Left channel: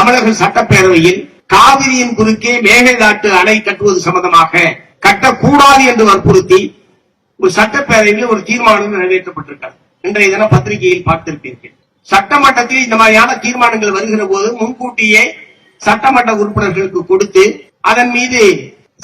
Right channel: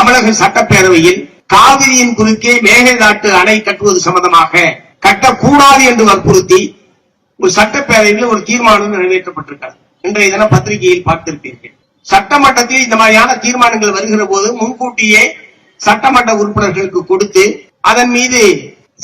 தமிழக சட்டப்பேரவையில் காவிரியின் குறுக்கே மேகதாட்டு அணை கட்டுவது சம்பந்தமாக கட்டக்கூடாது என்று வற்புறுத்தி ஒரு சட்டப்பேரவையில் ஒரு தீர்மானம் நிறைவேற்றப்பட்டிருக்கிறது. இன்றைய தினம் பத்திரிகையில் பார்த்திருப்பீர்கள். சட்டமன்றத்தில் இந்த மாதிரியான தீர்மானங்கள் வருகிற போது முன்கூட்டியே சட்டமன்ற உறுப்பினர்களுக்கு கொடுத்து அதன் மீது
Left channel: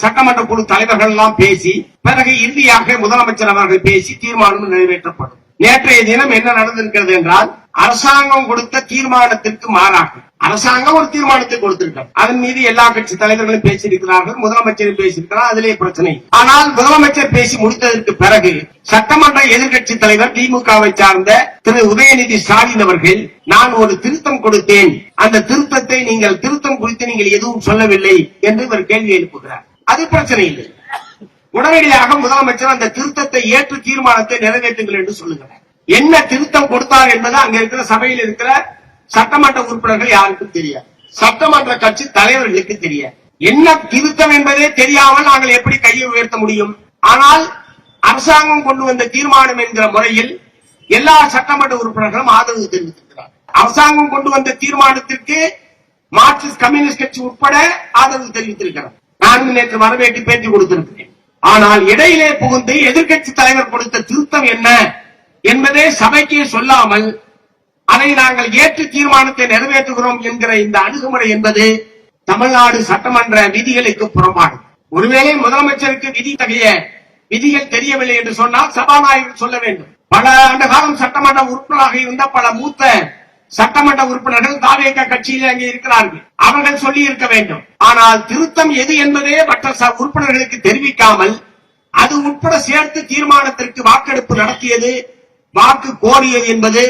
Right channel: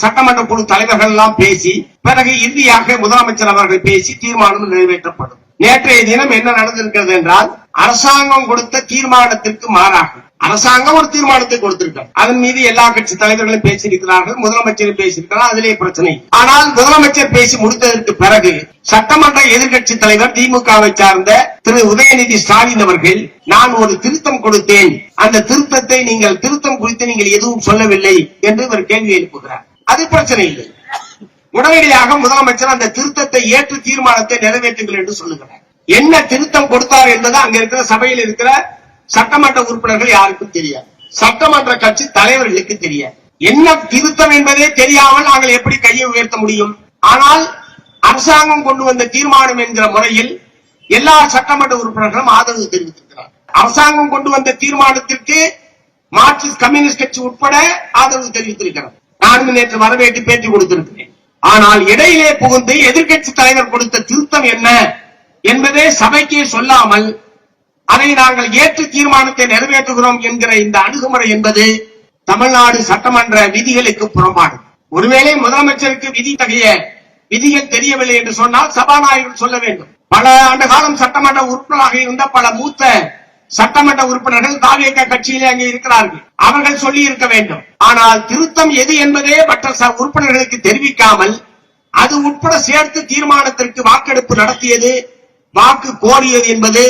சட்டமன்ற குழு தலைவர்கள் எல்லாம் பேசி பிறகு இறுதியாக முதலமைச்சர் அவர்கள் பேசி தீர்மானம் நிறைவேற்றப்படும். நேற்றைய தினம் என்ன நடந்திருக்கிறது என்றால், அரசாங்கம் கொடுத்த தீர்மானத்திற்கு மாறாக அரசாங்கம் ஒரு தீர்மானத்தை கொடுத்திருக்கிறார். அதன் மீது எல்லா கட்சி தலைவர்களும் பேசியிருக்கிறார்கள், முதலமைச்சரும் பேசியிருக்கிறார். அதிலே பிரச்சனை. ஆனால் முதலமைச்சர் பேசி முடித்ததற்கு பிறகு சட்டமன்ற எதிர்கட்சி தலைவர் திமுகவை சார்ந்த திரு உதயநிதி ஸ்டாலின் அவர்கள், நான் ஒரு திருத்தம் கொடுத்தேன், அந்த திருத்தத்தை நீங்கள் திருத்தம் குறித்து நீங்கள் எதுவும் சொல்லவில்லை என்று இவர் கேள்வி எழுப்புகிறார். அது பிரச்சனை இல்லை. உடனடியாக முதலமைச்சர் அந்த திருத்தத்தை ஏற்று தீர்மானத்தை நிறைவேற்றுங்கள் என்று சொல்லுகிறார். என்ன திருத்தம் கொடுத்தார் என்பது அங்க இருக்கிற சபையில் இருக்கிற சட்டமன்ற உறுப்பினர்கள் யாருக்கும் தெரியாது, சட்டமன்ற கட்சி தலைவர்களுக்கு தெரியாது. என்ன திருத்தம் என்பதே தெரியாமல் நாங்கள் எப்படி கையை உயர்த்த முடியும்? ஆனால் அரசாங்கம் கொண்டு வந்த தீர்மானம் என்கிற முறையில் எல்லா சட்டமன்ற உறுப்பினர்களும் ஆதரவு தெரிவித்திருக்கிறார். அரசாங்கம் கொண்டு வந்த தீர்மானத்திற்கு மார்க்சிஸ்ட் கம்யூனிஸ்ட் கட்சி உட்பட ஆதரவு தெரிவித்திருக்கிறார். நானும் நேற்று வரவேற்று பேட்டி கொடுத்திருக்கிறேன். ஆனால் இடையிலே புகுந்து எதிர்கட்சி தலைவர் கொடுத்த திருத்தம் என்ன என்பதே சபைக்கே சொல்லாமல் அதை நாங்கள் ஏற்று தீர்மானத்தை நிறைவேற்றுகிறோம் என்கிற இந்த அணுகுமுறை என்பது தமிழ்நாடு சட்டமன்ற விதிகளுக்கு புறம்பானது. ஒருவேளை முதலமைச்சருக்கு விதி தகைய விதிகள் தெரியவில்லை என்று சொன்னால் சபாநாயகர் சொல்ல வேண்டும். பல ஆண்டு காலம் சட்டமன்ற உறுப்பினராக இருந்த பல மூத்த சட்டமன்ற உறுப்பினர்கள் தாவேக கட்சியிலே அங்கே இருக்கிறார்கள், அவர்கள் சொல்லி இருக்க வேண்டும். ஆனால் திருத்தம் எது என்பதே மற்ற உறுப்பினர்களுக்கு தெரிவிக்காமல் அது உட்பட சேர்த்து தீர்மானத்திற்கு வாக்கெடுப்பு நடத்தியது, வாக்கு கோரியது என்பது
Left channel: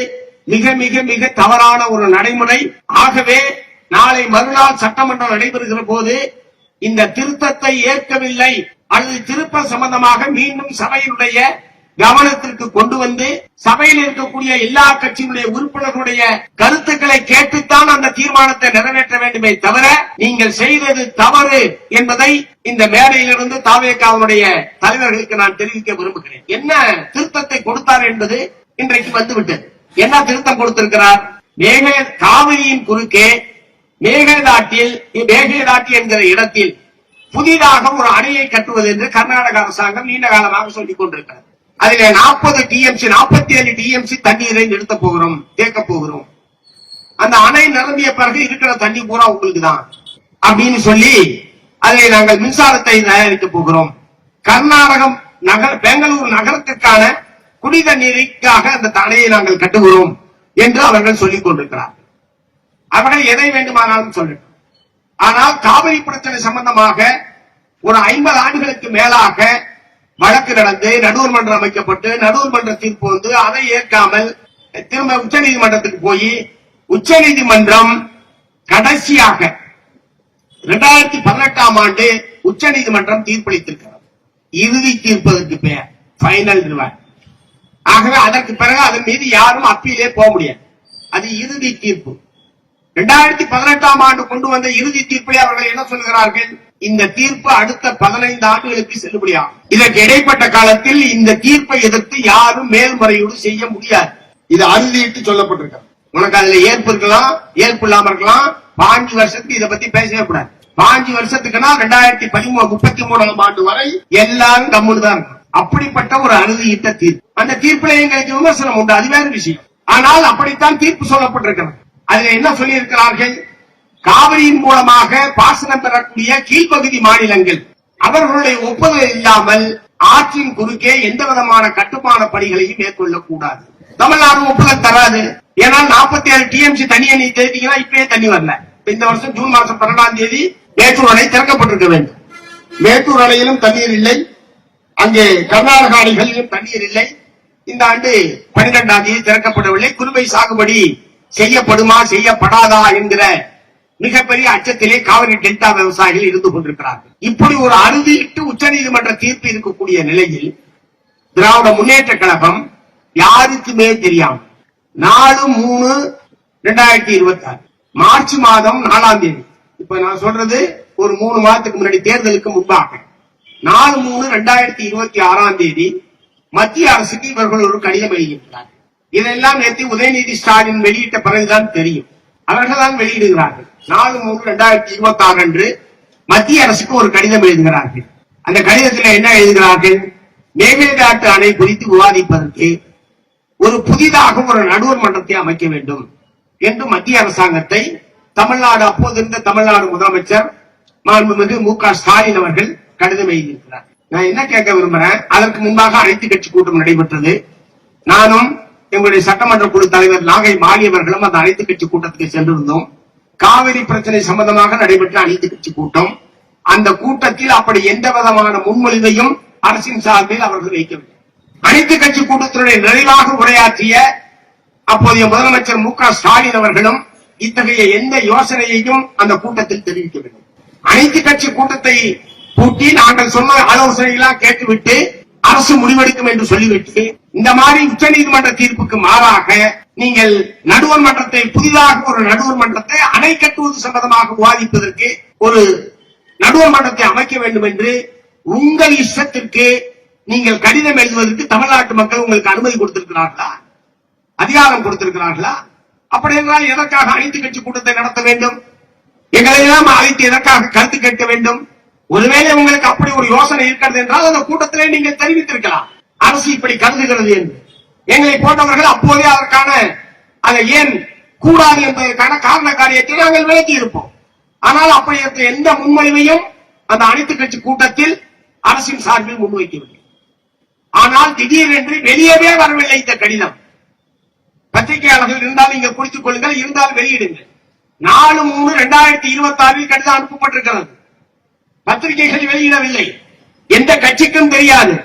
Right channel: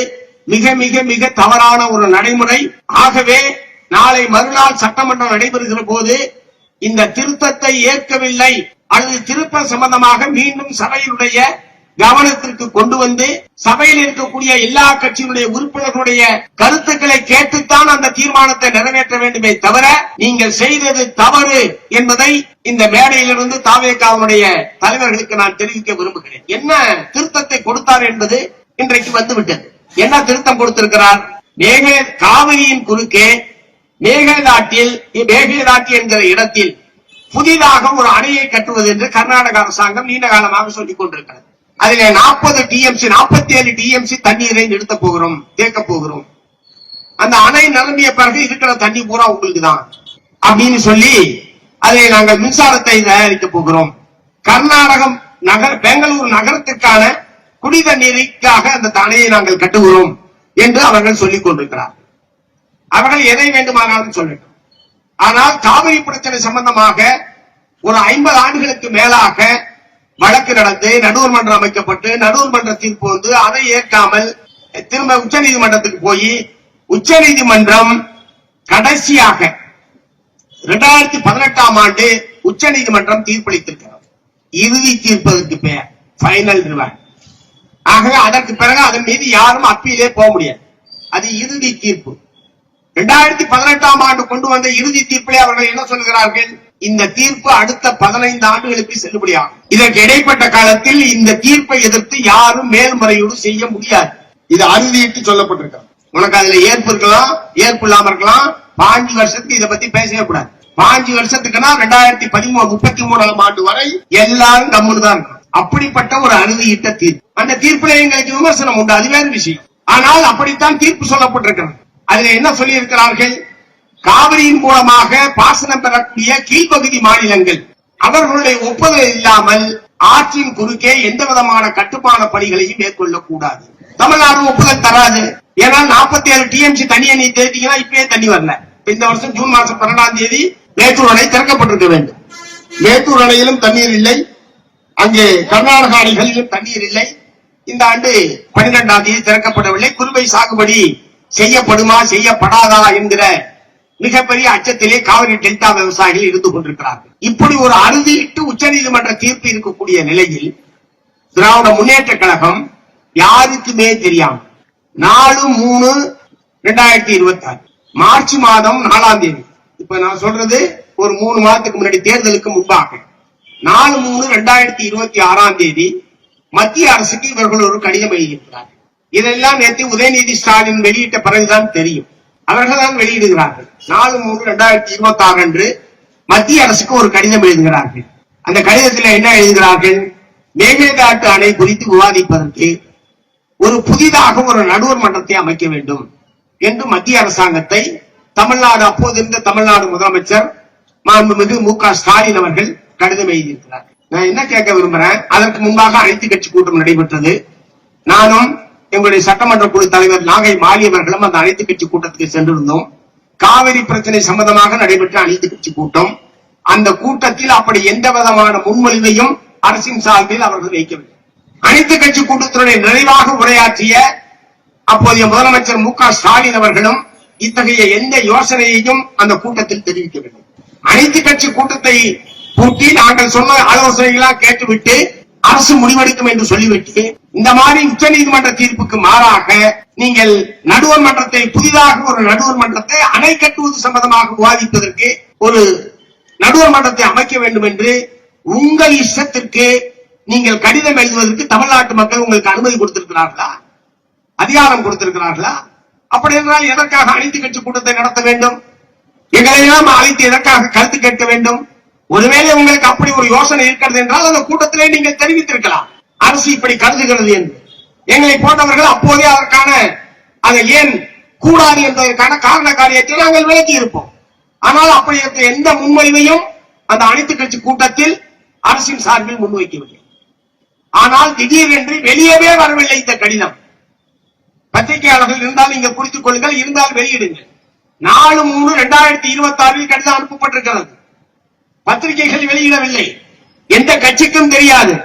மிக மிக மிக தவறான ஒரு நடைமுறை. ஆகவே நாளை மறுநாள் சட்டமன்றம் நடைபெறுகிற போது இந்த திருத்தத்தை ஏற்கவில்லை அல்லது திருப்பம் சம்பந்தமாக மீண்டும் சபையினுடைய கவனத்திற்கு கொண்டு வந்து சபையில் இருக்கக்கூடிய எல்லா கட்சியினுடைய உறுப்பினர்களுடைய கருத்துக்களை கேட்டுத்தான் அந்த தீர்மானத்தை நிறைவேற்ற வேண்டுமே தவிர நீங்கள் செய்தது தவறு என்பதை இந்த மேடையிலிருந்து தாவேகாவுடைய தலைவர்களுக்கு நான் தெரிவிக்க விரும்புகிறேன். என்ன திருத்தத்தை கொடுத்தார் என்பது இன்றைக்கு வந்துவிட்டது. என்ன திருத்தம் கொடுத்திருக்கிறார்? காவிரியின் குறுக்கே மேகதாட்டி என்கிற இடத்தில் புதிதாக ஒரு அணையை கட்டுவது என்று கர்நாடக அரசாங்கம் நீண்ட காலமாக சொல்லிக் கொண்டிருக்கிறது. அதில் 47 டிஎம்சி தண்ணீரை நிறுத்த போகிறோம், தேக்க போகிறோம். அந்த அணை நிரம்பிய பிறகு இருக்கிற தண்ணி பூரா உங்களுக்கு தான் அப்படின்னு சொல்லி அதை நாங்கள் மின்சாரத்தை தயாரிக்க போகிறோம். கர்நாடகம் பெங்களூரு நகரத்துக்கான குடி தண்ணீருக்காக அந்த அணையை நாங்கள் கட்டுகிறோம் என்று அவர்கள் சொல்லிக் கொண்டிருக்கிறார். அவர்கள் எதை வேண்டுமானாலும் சொல்லட்டும். ஆனால் காவிரி பிரச்சனை சம்பந்தமாக ஒரு 50 ஆண்டுகளுக்கு மேலாக வழக்கு நடந்து நடுவர் மன்றம் அமைக்கப்பட்டு நடுவர் மன்ற தீர்ப்பு வந்து அதை ஏற்காமல் திரும்ப உச்சநீதிமன்றத்துக்கு போய் உச்சநீதிமன்றம் கடைசியாக 2018ஆம் ஆண்டு உச்சநீதிமன்றம் தீர்ப்பளித்திருக்கிறது. இறுதி தீர்ப்பதற்கு பெயர் பைனல் ரிவார்ட். ஆகவே அதற்கு பிறகு அதன் மீது யாரும் அப்பீலே போக முடியாது. அது இறுதி தீர்ப்பு. 2018ஆம் ஆண்டு கொண்டு வந்த இறுதி தீர்ப்பை அவர்கள் என்ன சொல்கிறார்கள்? இந்த தீர்ப்பு அடுத்த 15 ஆண்டுகளுக்கு செல்லுபடியாகும். இதற்கு இடைப்பட்ட காலத்தில் இந்த தீர்ப்பை எதிர்த்து யாரும் மேல்முறையீடு செய்ய முடியாது. இது அறுதிட்டு சொல்லப்பட்டிருக்கிறது. உனக்கு அதுல ஏற்பு இருக்கலாம், ஏற்பு இல்லாம இருக்கலாம். 5 வருஷத்துக்கு இதை பத்தி பேசவே கூடாது. 5 வருஷத்துக்குன்னா 2033ஆம் ஆண்டு வரை எல்லாரும் கம்முன்னு தான் இருக்கும். அப்படிப்பட்ட ஒரு அறுதியிட்ட தீர்ப்பு. அந்த தீர்ப்புல எங்களுக்கு விமர்சனம் உண்டு, அது வேறு விஷயம். ஆனால் அப்படித்தான் தீர்ப்பு சொல்லப்பட்டிருக்கிறது. அதுல என்ன சொல்லி இருக்கிறார்கள்? காவிரியின் மூலமாக பாசனம் பெறக்கூடிய கீழ்ப்பகுதி மாநிலங்கள் அவர்களுடைய ஒப்புதல் இல்லாமல் ஆற்றின் குறுக்கே எந்த விதமான கட்டுமான பணிகளையும் மேற்கொள்ளக்கூடாது. தமிழ்நாடு ஒப்புதல் தராது. ஏன்னா 47 டிஎம்சி தண்ணியை நீ தேர்த்தீங்கன்னா இப்பவே தண்ணி வரல. இந்த வருஷம் ஜூன் மாசம் 12ஆம் தேதி மேட்டூர் அணை திறக்கப்பட்டிருக்க வேண்டும். மேட்டூர் அணையிலும் தண்ணீர் இல்லை, அங்கே கர்நாடக அணைகளிலும் தண்ணீர் இல்லை. இந்த ஆண்டு 12ஆம் தேதி திறக்கப்படவில்லை. குறுவை சாகுபடி செய்யப்படுமா செய்யப்படாதா என்கிற மிகப்பெரிய அச்சத்திலே காவிரி டெல்டா விவசாயிகள் இருந்து கொண்டிருக்கிறார்கள். இப்படி ஒரு அறுதியிட்டு உச்சநீதிமன்ற தீர்ப்பு இருக்கக்கூடிய நிலையில் திராவிட முன்னேற்ற கழகம் யாருக்குமே தெரியாம 4/3/2026 மார்ச் மாதம் 4ஆம் தேதி, இப்ப நான் சொல்றது ஒரு 3 மாதத்துக்கு முன்னாடி தேர்தலுக்கு முன்பாக 4/3/2026ஆம் தேதி மத்திய அரசுக்கு இவர்கள் ஒரு கடிதம் எழுதியிருக்கிறார்கள். இதெல்லாம் நேற்று உதயநிதி ஸ்டாலின் வெளியிட்ட பிறகுதான் தெரியும். அவர்கள் தான் வெளியிடுகிறார்கள். 4/3/2026 அன்று மத்திய அரசுக்கு ஒரு கடிதம் எழுதுகிறார்கள். அந்த கடிதத்தில் என்ன எழுதுகிறார்கள்? மேகதாட்டு அணை குறித்து விவாதிப்பதற்கு ஒரு புதிதாக ஒரு நடுவர் மன்றத்தை அமைக்க வேண்டும் என்று மத்திய அரசாங்கத்தை தமிழ்நாடு அப்போது இருந்த தமிழ்நாடு முதலமைச்சர் மாண்புமிகு மு.க. ஸ்டாலின் அவர்கள் கடிதம் எழுதியிருக்கிறார். நான் என்ன கேட்க விரும்புறேன், அதற்கு முன்பாக அனைத்து கட்சி கூட்டம் நடைபெற்றது. நானும் எங்களுடைய சட்டமன்ற குழு தலைவர் நாகை மாலி அவர்களும் அந்த அனைத்து கட்சி கூட்டத்துக்கு சென்றிருந்தோம். காவிரி பிரச்சனை சம்பந்தமாக நடைபெற்ற அனைத்து கட்சி கூட்டம். அந்த கூட்டத்தில் அப்படி எந்த விதமான முன்மொழிவையும் அரசின் சார்பில் அவர்கள் வைக்கவில்லை. அனைத்து கட்சி கூட்டத்தினுடைய நிறைவாக உரையாற்றிய அப்போதைய முதலமைச்சர் மு.க. ஸ்டாலின் அவர்களும் இத்தகைய எந்த யோசனையையும் அந்த கூட்டத்தில் தெரிவிக்கவில்லை. அனைத்து கட்சி கூட்டத்தை கூட்டி நாங்கள் சொன்ன ஆலோசனைகளாக கேட்டுவிட்டு அரசு முடிவெடுக்கும் என்று சொல்லிவிட்டு இந்த மாதிரி உச்சநீதிமன்ற தீர்ப்புக்கு மாறாக நீங்கள் நடுவர் மன்றத்தை புதிதாக ஒரு நடுவர் மன்றத்தை அணை கட்டுவது சம்பந்தமாக விவாதிப்பதற்கு ஒரு நடுவர் மன்றத்தை அமைக்க வேண்டும் என்று உங்கள் இஷ்டத்திற்கு நீங்கள் கடிதம் எழுதுவதற்கு தமிழ்நாட்டு மக்கள் உங்களுக்கு அனுமதி கொடுத்திருக்கிறார்களா? அதிகாரம் கொடுத்திருக்கிறார்களா? அப்படி என்றால் எதற்காக அனைத்து கட்சி கூட்டத்தை நடத்த வேண்டும்? எங்களை எல்லாம் அழைத்து எதற்காக கருத்து கேட்க வேண்டும்? ஒருவேளை உங்களுக்கு அப்படி ஒரு யோசனை இருக்கிறது என்றால் அந்த கூட்டத்திலே நீங்கள் தெரிவித்திருக்கலாம், அரசு இப்படி கருதுகிறது என்று. எங்களை போன்றவர்கள் அப்போதே அதற்கான அதை ஏன் கூடாது என்பதற்கான காரண காரியத்தை நாங்கள் விளக்கி இருப்போம். ஆனால் அப்படி எந்த முன்மொழிவையும் அந்த அனைத்து கட்சி கூட்டத்தில் அரசின் சார்பில் முன்வைக்கவில்லை. ஆனால் திடீரென்று வெளியவே வரவில்லை இந்த கடிதம். பத்திரிகையாளர்கள் இருந்தால் நீங்கள் குறித்துக் கொள்ளுங்கள், இருந்தால் வெளியிடுங்கள். 4/3/2026 கடிதம் அனுப்பப்பட்டிருக்கிறது. பத்திரிகைகள் வெளியிடவில்லை, எந்த கட்சிக்கும் தெரியாது.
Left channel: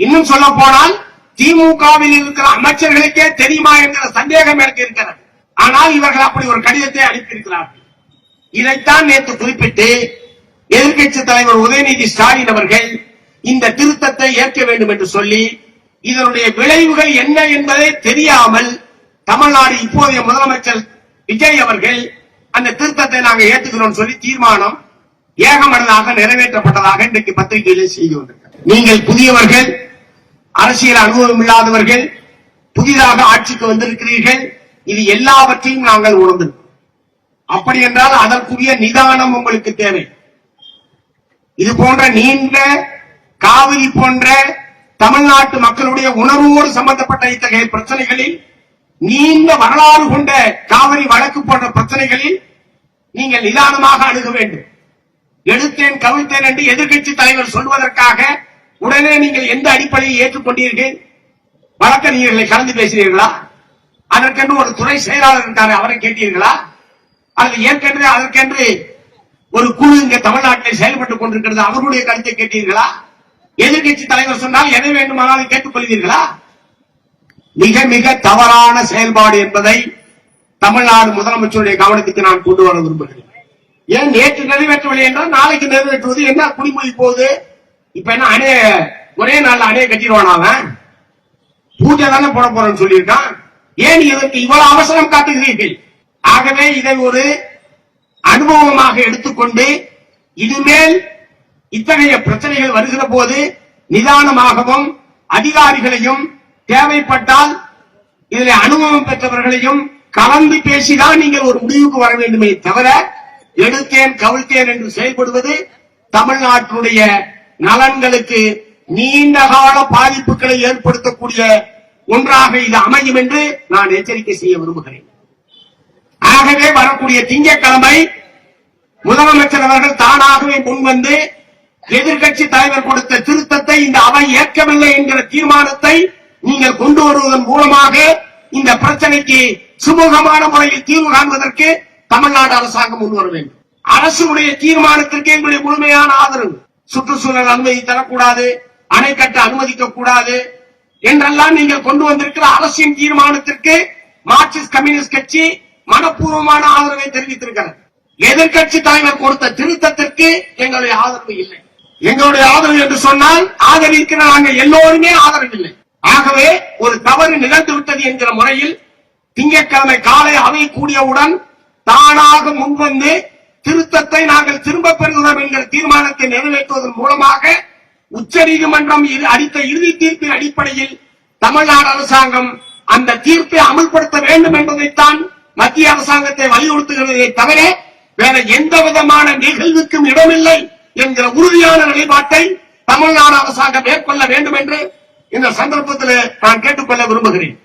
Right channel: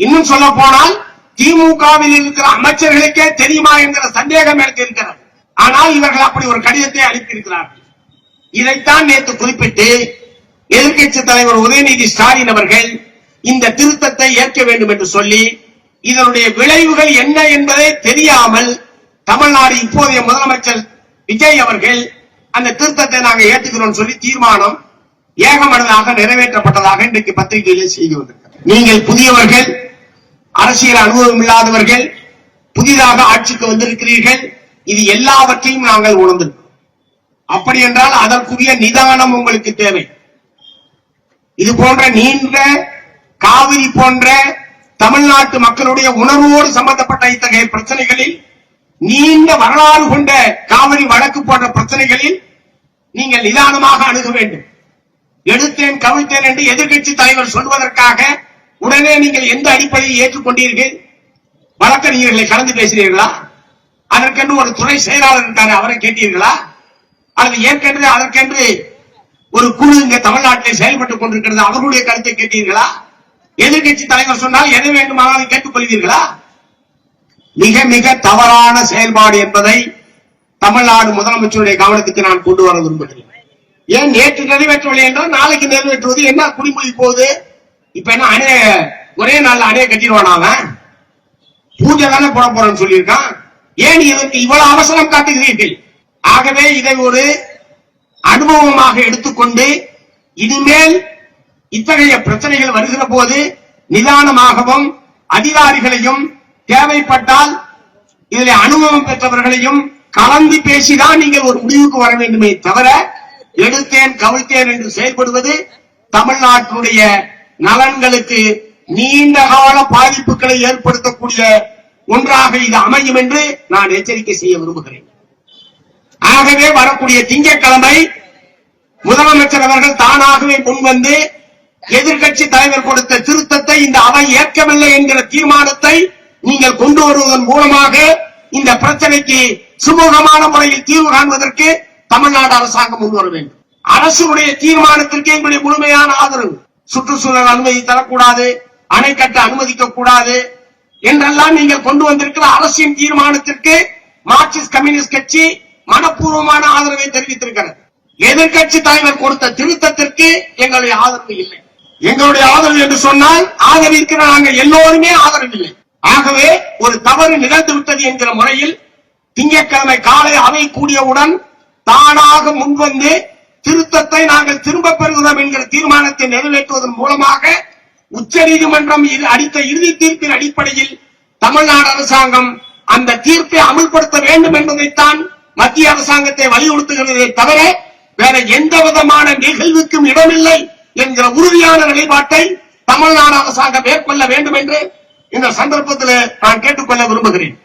இன்னும் சொல்ல போனால் திமுகவில் இருக்கிற அமைச்சர்களுக்கே தெரியுமா என்கிற சந்தேகம் எனக்கு இருக்கிறது. ஆனால் இவர்கள் அப்படி ஒரு கடிதத்தை அனுப்பியிருக்கிறார்கள். இதைத்தான் நேற்று குறிப்பிட்டு எதிர்க்கட்சி தலைவர் உதயநிதி ஸ்டாலின் அவர்கள் இந்த திருத்தத்தை ஏற்க வேண்டும் என்று சொல்லி இதனுடைய விளைவுகள் என்ன என்பதை தெரியாமல் தமிழ்நாடு இப்போதைய முதலமைச்சர் விஜய் அவர்கள் அந்த திருத்தத்தை நாங்கள் ஏற்றுக்கிறோம் சொல்லி தீர்மானம் ஏகமனதாக நிறைவேற்றப்பட்டதாக இன்றைக்கு பத்திரிகையில் செய்தி வந்திருக்கிறது. நீங்கள் புதியவர்கள், அரசியல் அனுபவம் இல்லாதவர்கள், புதிதாக ஆட்சிக்கு வந்திருக்கிறீர்கள். இது எல்லாவற்றையும் நாங்கள் உணர்ந்திருக்கிறோம். அப்படி என்றால் அதற்குரிய நிதானம் உங்களுக்கு தேவை. இது போன்ற நீண்ட காவிரி போன்ற தமிழ்நாட்டு மக்களுடைய உணர்வோடு சம்பந்தப்பட்ட இத்தகைய பிரச்சனைகளில், நீண்ட வரலாறு கொண்ட காவிரி வழக்கு போன்ற பிரச்சனைகளில் நீங்கள் நிதானமாக அணுக வேண்டும். எடுத்தேன் கவிழ்த்தேன் என்று எதிர்க்கட்சி தலைவர் சொல்வதற்காக உடனே நீங்கள் எந்த அடிப்படையை ஏற்றுக்கொண்டீர்கள்? வழக்கறிஞர்களை கலந்து பேசினீர்களா? அதற்கென்று ஒரு துறை செயலாளர் இருக்காரு, அவரை கேட்டீர்களா? அல்லது ஏற்கனவே அதற்கென்று ஒரு குழு இங்க தமிழ்நாட்டில் செயல்பட்டுக் கொண்டிருக்கிறது, அவர்களுடைய கருத்தை கேட்டீர்களா? எதிர்கட்சி தலைவர் சொன்னால் எதை வேண்டுமானாலும் கேட்டுக் கொள்வீர்களா? மிக மிக தவறான செயல்பாடு என்பதை தமிழ்நாடு முதலமைச்சருடைய கவனத்துக்கு நான் கொண்டு வர விரும்புகிறேன். ஏன் நேற்று நிறைவேற்றவில்லை என்றால் நாளைக்கு நிறைவேற்றுவது என்ன குடிமொழி போகுது? இப்ப என்ன அணைய ஒரே நாள் அணைய கட்டிடுவானாங்க? பூஜை தானே போட போறேன்னு சொல்லியிருக்கான். ஏன் இதற்கு இவ்வளவு அவசரம் காட்டுகிறீர்கள்? ஆகவே இதை ஒரு அனுபவமாக எடுத்துக்கொண்டு இனிமேல் இத்தகைய பிரச்சனைகள் வருகிற போது நிதானமாகவும் அதிகாரிகளையும் தேவைப்பட்டால் இதில் அனுபவம் பெற்றவர்களையும் கலந்து பேசிதான் நீங்கள் ஒரு முடிவுக்கு வர வேண்டுமே தவிர எடுத்தேன் கவிழ்த்தேன் என்று செயல்படுவது தமிழ்நாட்டினுடைய நலன்களுக்கு நீண்ட கால பாதிப்புகளை ஏற்படுத்தக்கூடிய ஒன்றாக இது அமையும் என்று நான் எச்சரிக்கை செய்ய விரும்புகிறேன். ஆகவே வரக்கூடிய திங்கட்கிழமை முதலமைச்சர் அவர்கள் தானாகவே முன்வந்து எதிர்கட்சி தலைவர் கொடுத்த திருத்தத்தை இந்த அவை ஏற்கவில்லை என்கிற தீர்மானத்தை நீங்கள் கொண்டு வருவதன் மூலமாக இந்த பிரச்சனைக்கு சுமூகமான முறையில் தீர்வு காண்பதற்கு தமிழ்நாடு அரசாங்கம் முன்வர வேண்டும். அரசுடைய தீர்மானத்திற்கு எங்களுடைய முழுமையான ஆதரவு. சுற்றுச்சூழல் அனுமதி தரக்கூடாது, அணை கட்ட அனுமதிக்க கூடாது என்றெல்லாம் நீங்கள் கொண்டு வந்திருக்கிற அரசின் தீர்மானத்திற்கு மார்க்சிஸ்ட் கம்யூனிஸ்ட் கட்சி மனப்பூர்வமான ஆதரவை தெரிவித்திருக்கிறது. எதிர்கட்சி தலைவர் கொடுத்த திருத்தத்திற்கு எங்களுடைய ஆதரவு இல்லை. எங்களுடைய ஆதரவு என்று சொன்னால் ஆதரிக்கிற நாங்கள் எல்லோருமே ஆதரவில்லை. ஆகவே ஒரு தவறு நிகழ்ந்துவிட்டது என்கிற முறையில் திங்கட்கிழமை காலை அவை கூடியவுடன் தானாக முன்வந்து திருத்தத்தை நாங்கள் திரும்ப பெறுகிறோம் என்கிற தீர்மானத்தை நிறைவேற்றுவதன் மூலமாக உச்சநீதிமன்றம் அளித்த இறுதி தீர்ப்பின் அடிப்படையில் தமிழ்நாடு அரசாங்கம் அந்த தீர்ப்பை அமல்படுத்த வேண்டும் என்பதைத்தான் மத்திய அரசாங்கத்தை வலியுறுத்துகிறதை தவிர வேற எந்த விதமான நிகழ்வுக்கும் இடமில்லை என்கிற உறுதியான நிலைப்பாட்டை தமிழ்நாடு அரசாங்கம் மேற்கொள்ள வேண்டும் என்று இந்த சந்தர்ப்பத்தில் நான் கேட்டுக்கொள்ள விரும்புகிறேன்.